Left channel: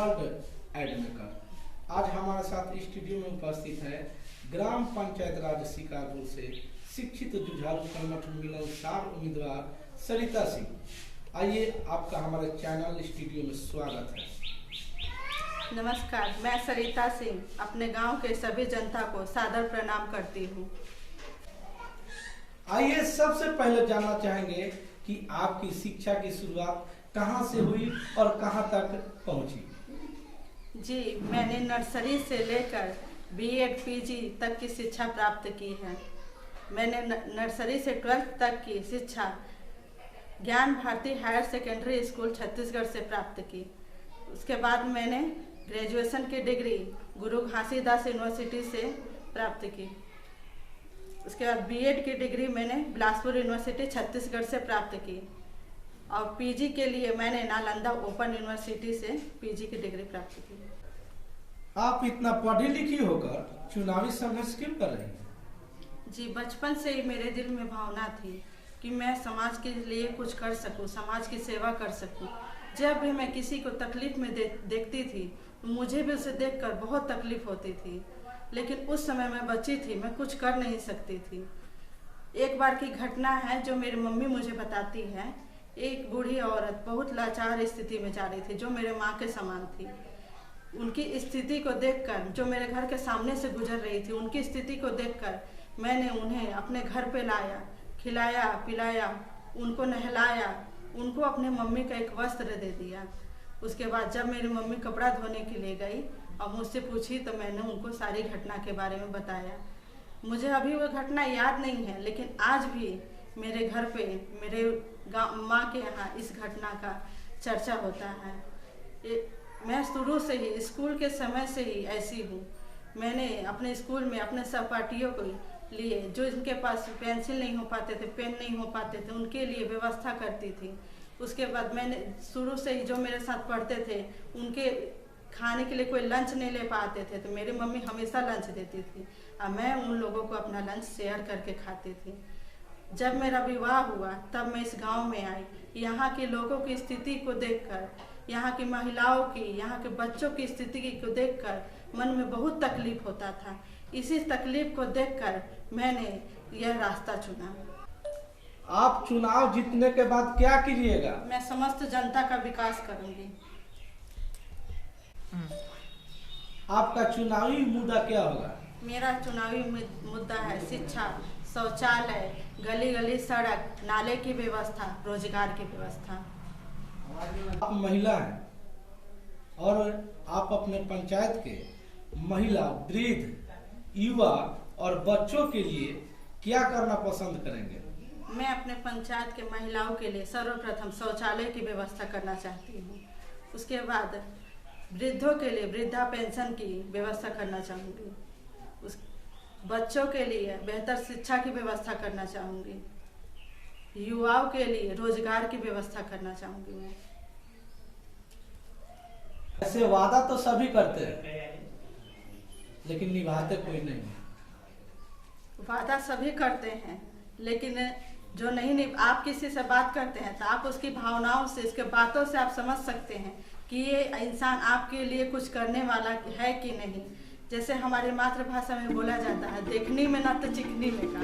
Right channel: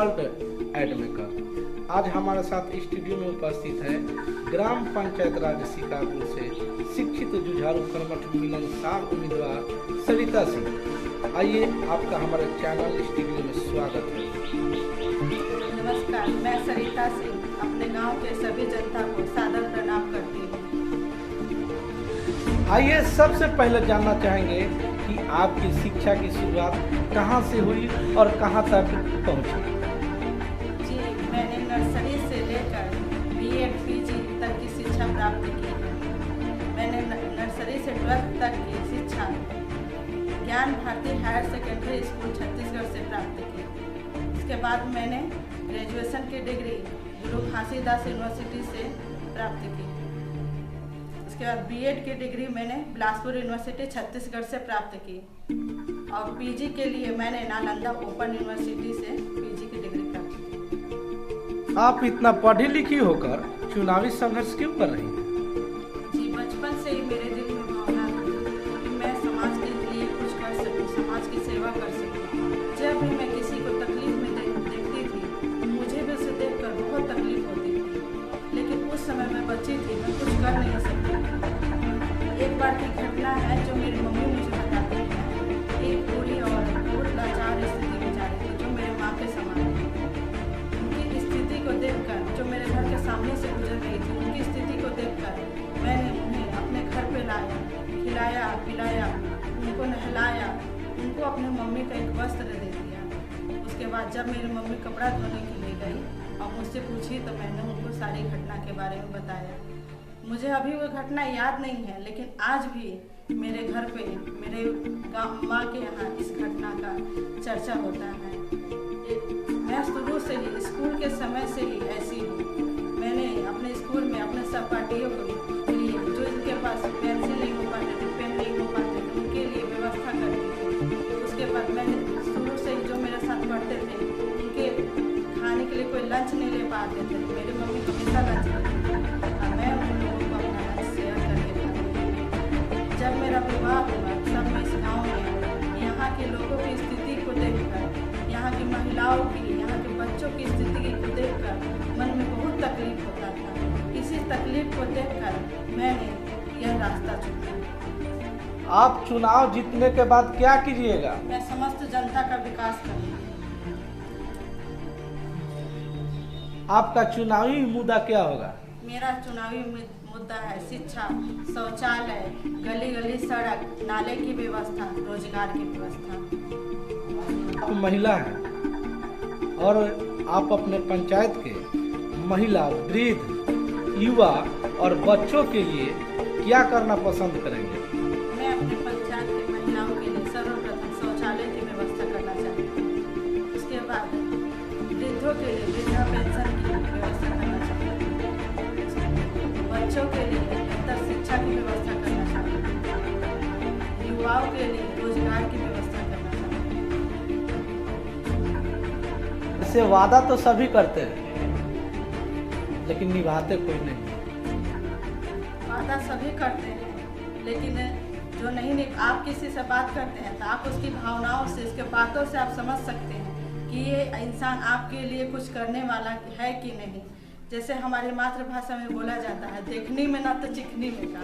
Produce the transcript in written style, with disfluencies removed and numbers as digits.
World एडमेकर। आज हमारे साथ स्टूडियो में उपस्थित है ग्राम पंचायत राज शिकारपुर से शिक्षित जुझारू कर्मठ मिलनसार उम्मीदवार सरिता सिंह। आइए, आपका हमारे चैनल स्टूडियो में स्वागत है। नमस्कार, मैं सरिता सिंह अपने गांव के सभी जनता को सादर प्रणाम करती हूँ। आइए, सबसे पहले जानना चाहेंगे कि आपकी शिक्षा की शुरुआत कहाँ से हुई और कहाँ तक पहुँची? जी, मैंने नर्सरी से लेकर बीएड पीजी तक की शिक्षा प्राप्त की है। मैंने नर्सरी से 12th तक की शिक्षा Gyan Bharati higher secondary school Chhattisgarh से प्राप्त की। इसके बाद मैंने ग्रेजुएशन की डिग्री गुरु घासीदास यूनिवर्सिटी से प्राप्त की। उसके बाद बीएड की डिग्री मैंने बिलासपुर यूनिवर्सिटी छत्तीसगढ़ से प्राप्त की और पीजी के लिए मैंने नालंदा ओपन यूनिवर्सिटी से पीजी की डिग्री प्राप्त की। आप इतना पढ़ी लिखी होकर चुनावी संघर्ष क्यों कर रही हैं? जी, बचपन से ही मेरे दिल में भावना थी कि मैं समाज के लिए कुछ कर सकूं, समाज की सेवा कर सकूं। जब भी मैं किसी को तकलीफ में देखती थी, मुझे भी उसे देखकर बहुत तकलीफ होती थी, लेकिन उस समय मैं बच्ची थी, मैं कुछ कर नहीं सकती थी। एक बार की घटना है जो मेरी मम्मी मुझे बताती है। एक बूढ़ी औरत बहुत लाचार स्थिति में जा रही थी, जो मेरे माँ के समान थी। उनकी स्थिति को देखकर, जो मेरे घर के सामने से गुजर रही थी, उनकी स्थिति को देखकर मैंने उन्हें अपने घर पे लाया, खिलाया पिलाया, उनको नहलाया, उनको अपने मम्मी का एक वस्त्र दे दिया। उसके बाद जब मेरी मम्मी कपड़ा धोने के लिए गई और मुझसे पूछी तो मैंने उनको सारी घटना के बारे में बताया। मुझे अभी वो घटना याद नहीं है, लेकिन आज भी मेरे घर पे, मेरे माँ के यहाँ इस घटना का चर्चा होता है। मैं शुरू से ही, स्कूल के समय से ही ऐसी हूँ। मैंने अपने स्कूल में अपने सहपाठियों के लिए, जो इनके पास पेंसिल नहीं हो पाते थे, पेन नहीं हो पाते थे, उनके लिए व्यवस्था करती थी। उसके बाद मैंने शुरू से ही, जो मेरे साथ पढ़ते थे, उनके खाने के लिए कोई लंच नहीं ले पाते थे, तो मेरी मम्मी हमेशा लंच देती थी और मैं उन लोगों को अपना लंच शेयर करके खाती थी। जब मेरा विवाह हुआ तब मैं इस गाँव में आई। यहाँ के लोगों की स्थिति को देखकर, यहाँ की महिलाओं की, यहाँ के बच्चों की स्थिति को देखकर मन में बहुत तकलीफ होता था। इसी तकलीफ को देखकर मैंने यह रास्ता चुना। आप चुनाव जीतने के बाद क्या कीजिएगा? मैं समस्त जनता का विकास करूंगी। आपका चुनावी मुद्दा क्या होगा? मेरा चुनावी मुद्दा है शिक्षा, शौचालय, गली गली सड़क, नाले की व्यवस्था, रोजगार की व्यवस्था। आप महिला हैं और आप अपने पंचायत के महिला, वृद्ध, युवा और बच्चों के लिए क्या करना पसंद करेंगे? मैं अपने पंचायत के महिलाओं के लिए सर्वप्रथम शौचालय की व्यवस्था करना चाहती हूँ। उसके बाद वृद्धों के लिए वृद्धा पेंशन की व्यवस्था करना चाहती हूँ। बच्चों के लिए बेहतर शिक्षा की व्यवस्था करना चाहती हूँ। युवाओं के लिए रोजगार की व्यवस्था करना चाहती हूँ। ऐसे वादा तो सभी करते हैं, लेकिन निभाते कोई नहीं। वादा सभी करते हैं, लेकिन जो नहीं, आप किसी से बात करते हैं तो आप उसकी भावनाओं से, उसके बातों से आप समझ सकते हैं कि ये इंसान आपके लिए कुछ करने वाला है कि नहीं। जैसे हमारी मातृभाषा में बोला जाता है, देखने में ना तो चिकनी में का।